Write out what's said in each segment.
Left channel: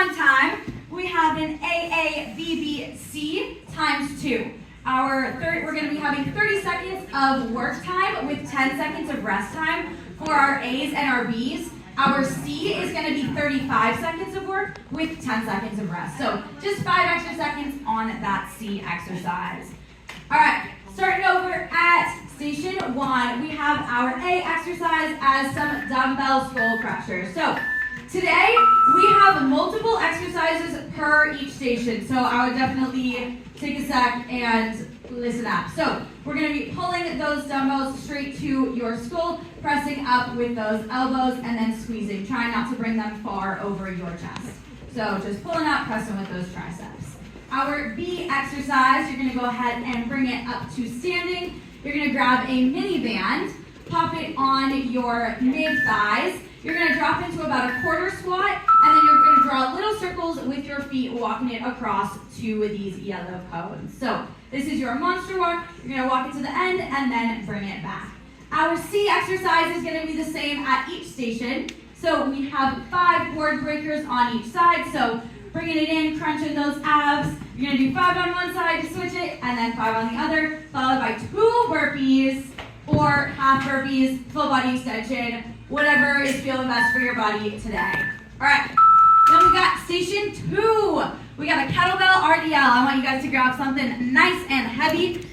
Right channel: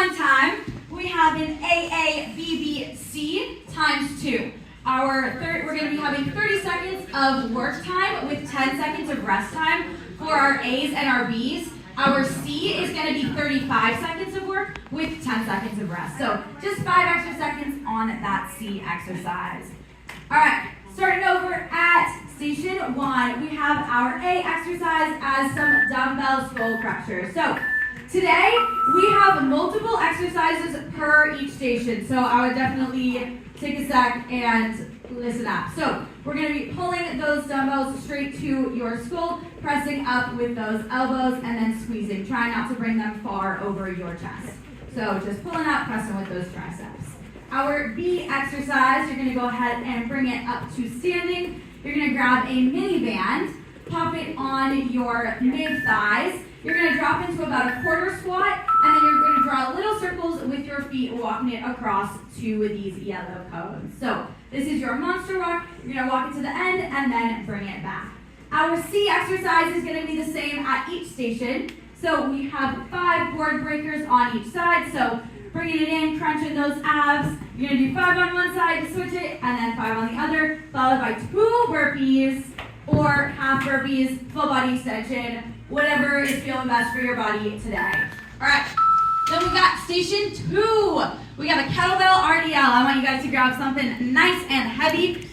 one time, we have an AABBC times 2. We're going to be having 30 seconds of work time with 10 seconds of rest time for our A's and our B's. Our C is going to be 35 seconds of work with 10 seconds of rest. So just 5 extra seconds on that C exercise. All right, starting over at station 1, we have our A exercise as some dumbbell skull crushers. So today, we have multiple exercises per each station, so I would definitely take a sec and listen up. So we're going to be pulling those dumbbells straight to your skull, pressing up with those elbows, and then squeezing. Try not to bring them far over your chest. So just pulling up, pressing with those triceps. Our B exercise, you're going to go ahead and bring it up to standing. You're going to grab a mini band, pop it on your mid-thighs. You're going to drop into about a quarter squat, and then you're going to draw little circles with your feet, walking it across to these yellow cones. So this is your monster walk. You're going to walk it to the end and then bring it back. Our C exercise is going to be the same at each station. So we have 5 board breakers on each side. So bringing it in, crunching those abs. You're going to do 5 on one side to switch it, and then 5 on the other, followed by 2 burpees or half burpees, full body extension, whatever is feeling best for your body today. All right, then we got station 2. We got a kettlebell RDL. I want you guys to grab something nice and heavy.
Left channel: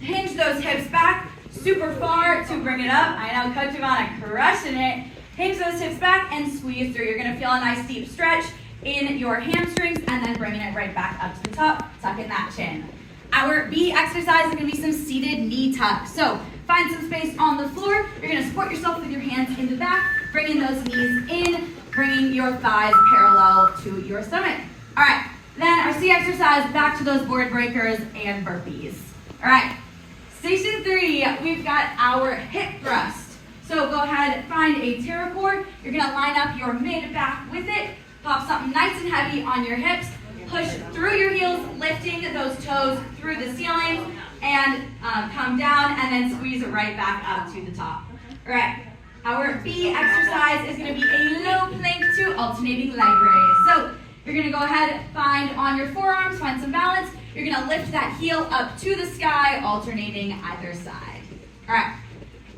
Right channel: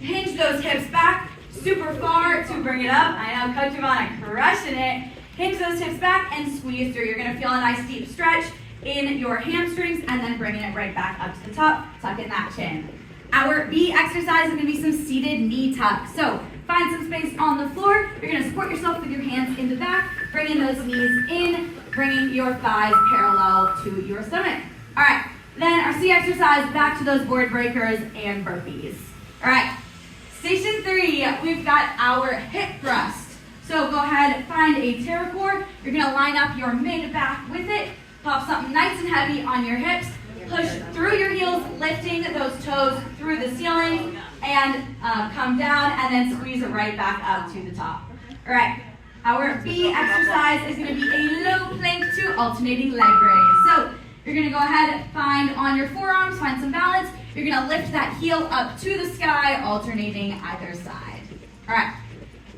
Hinge those hips back super far to bring it up. I know Coach Ivana crushing it. Hinge those hips back and squeeze through. You're gonna feel a nice deep stretch in your hamstrings and then bringing it right back up to the top, tucking that chin. Our B exercise is gonna be some seated knee tucks. So find some space on the floor. You're going to support yourself with your hands in the back, bringing those knees in, bringing your thighs parallel to your stomach. All right, then our C exercise, back to those board breakers and burpees. All right, station 3, we've got our hip thrust. So go ahead, find a terracord. You're going to line up your mid-back with it, pop something nice and heavy on your hips, push through your heels, lifting those toes through the ceiling, and come down and then squeeze it right back up to the top. All right, our B exercise is going to be a low plank to alternating leg raise. So you're going to go ahead, find on your forearms, find some balance. You're going to lift that heel up to the sky, alternating either side. All right,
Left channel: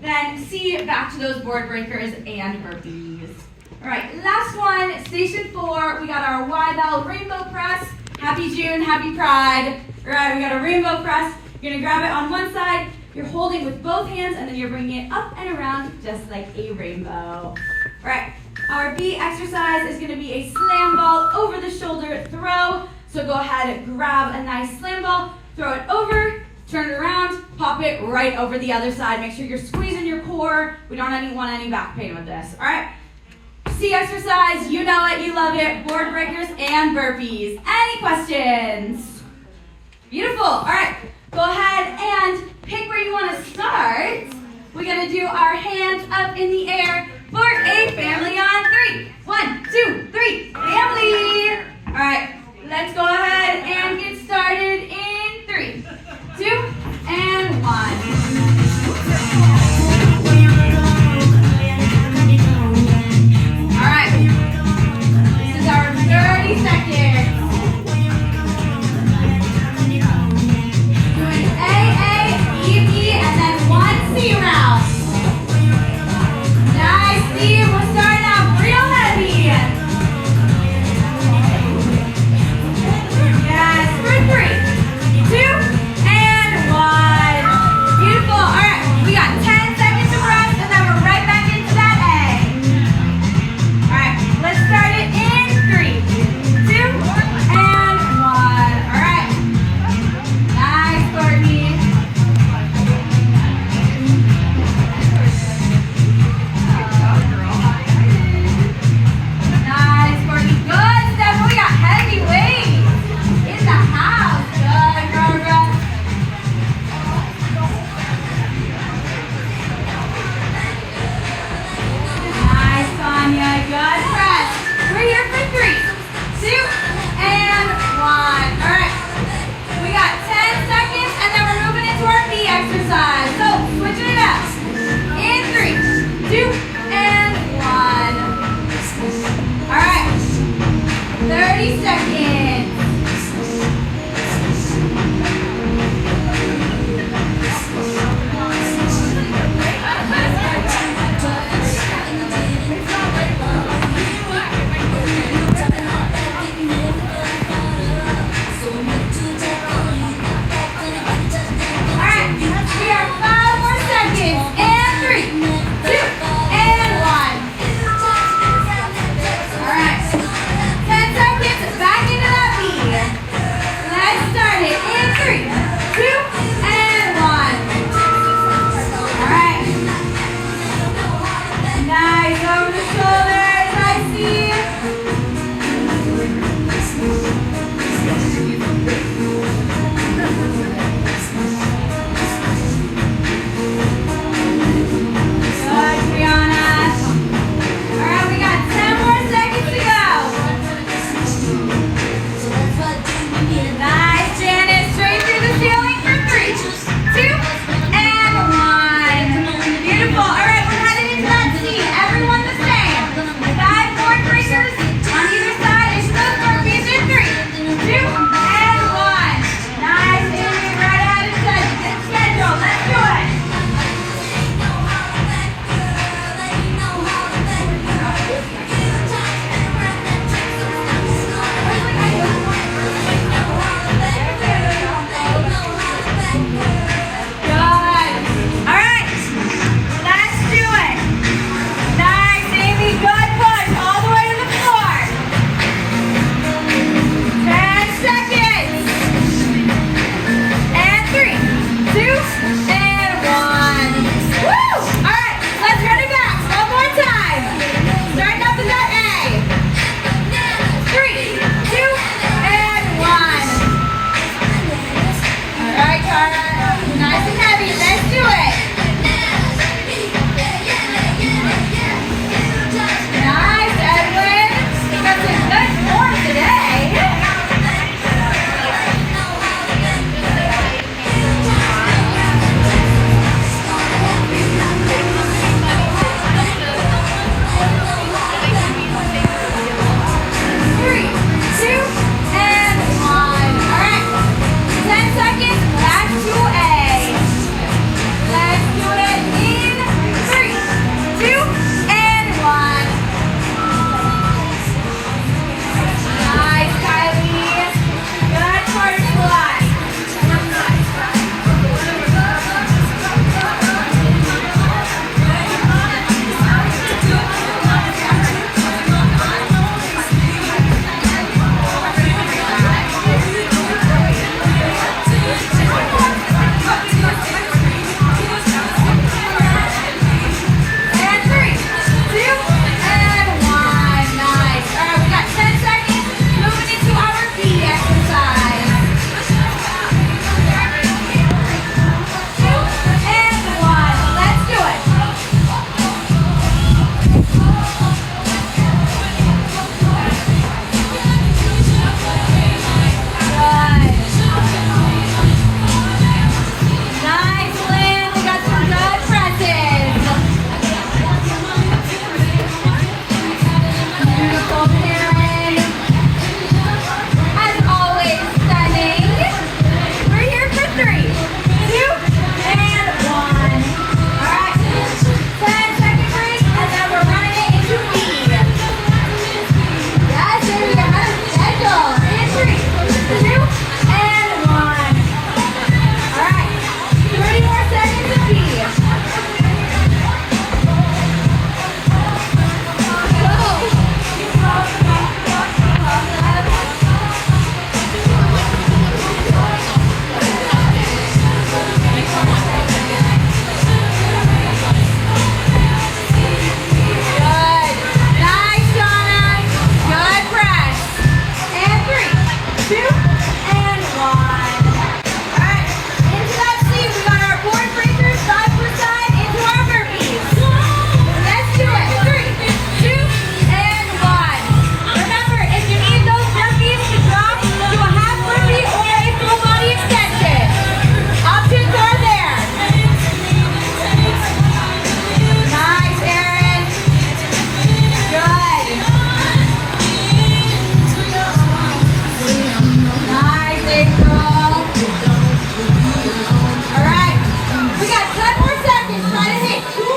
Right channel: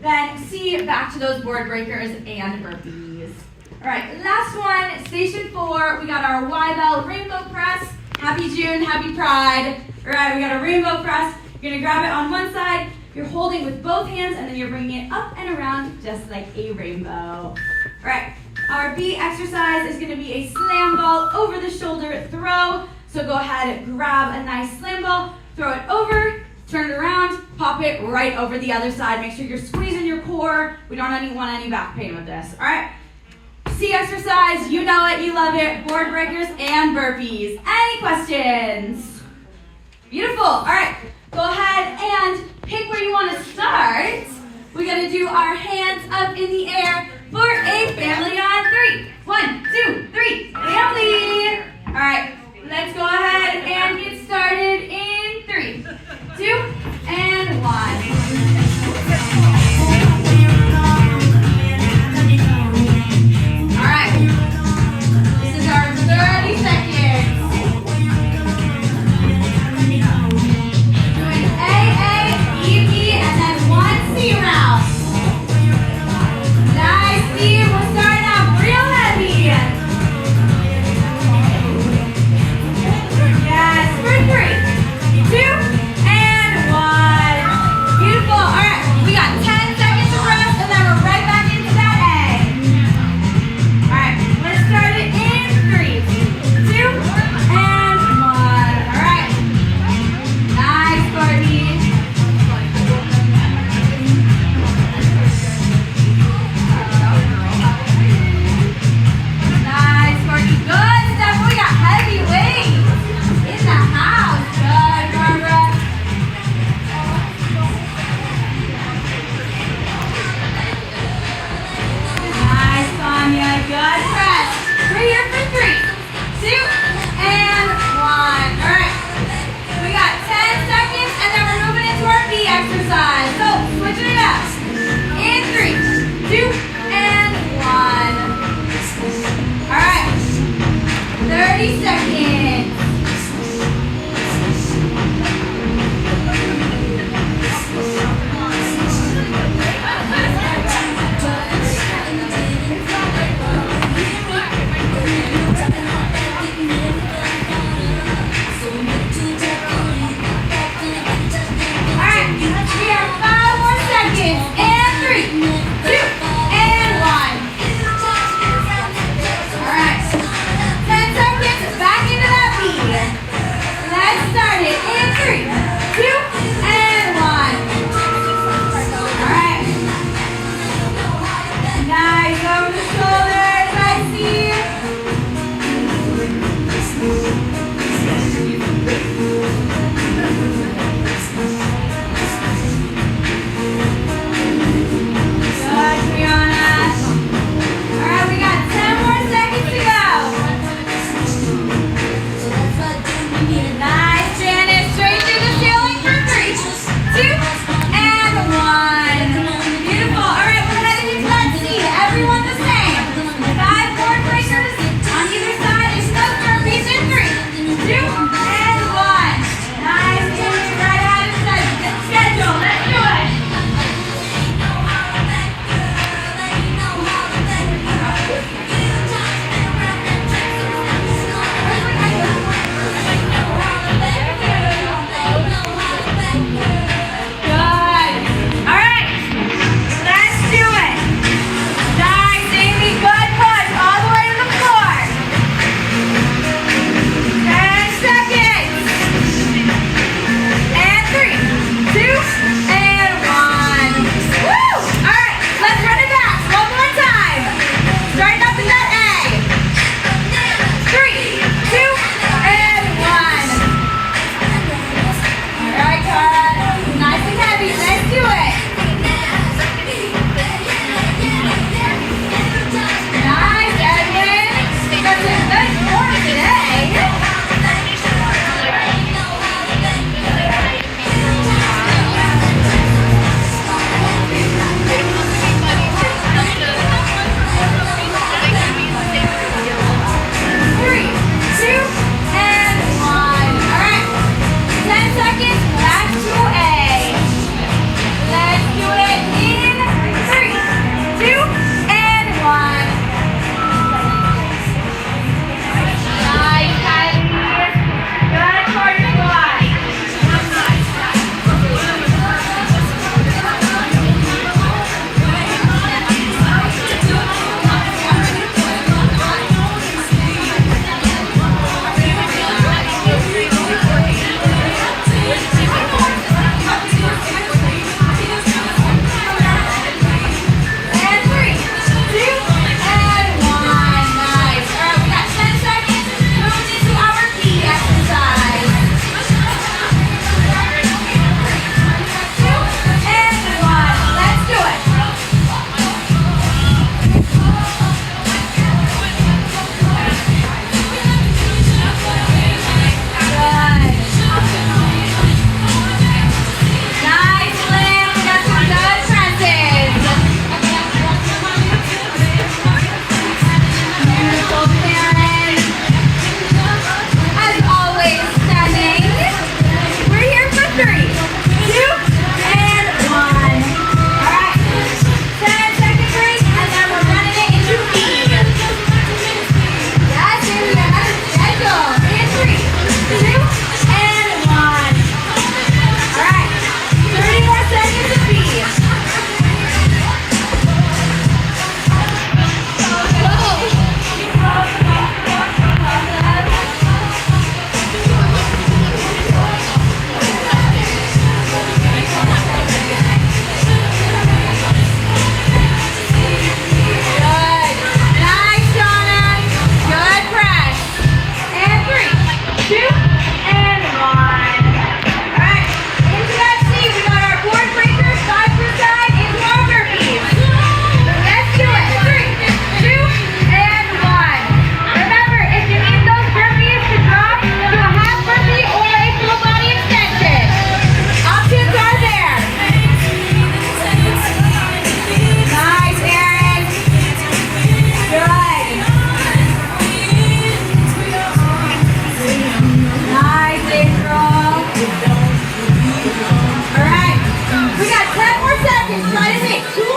then C, back to those board breakers and burpees. All right, last one, station 4, we got our Y-bell rainbow press. Happy June, happy Pride. All right, we got a rainbow press. You're gonna grab it on one side, you're holding with both hands, and then you're bringing it up and around just like a rainbow. All right, our B exercise is gonna be a slam ball over the shoulder throw. So go ahead and grab a nice slam ball, throw it over, turn it around, pop it right over the other side. Make sure you're squeezing your core. We don't want any back pain with this, all right? C exercise, you know it, you love it, board breakers and burpees. Any questions? Beautiful, all right. Go ahead and pick where you want to start. We're going to do our hands up in the air for a family on 3. 1, 2, 3, family. All right, let's go ahead and get started in 3, 2, and 1. All right, this is our 30 seconds. Nice, team. We'll start out real heavy. 30 seconds. Okay,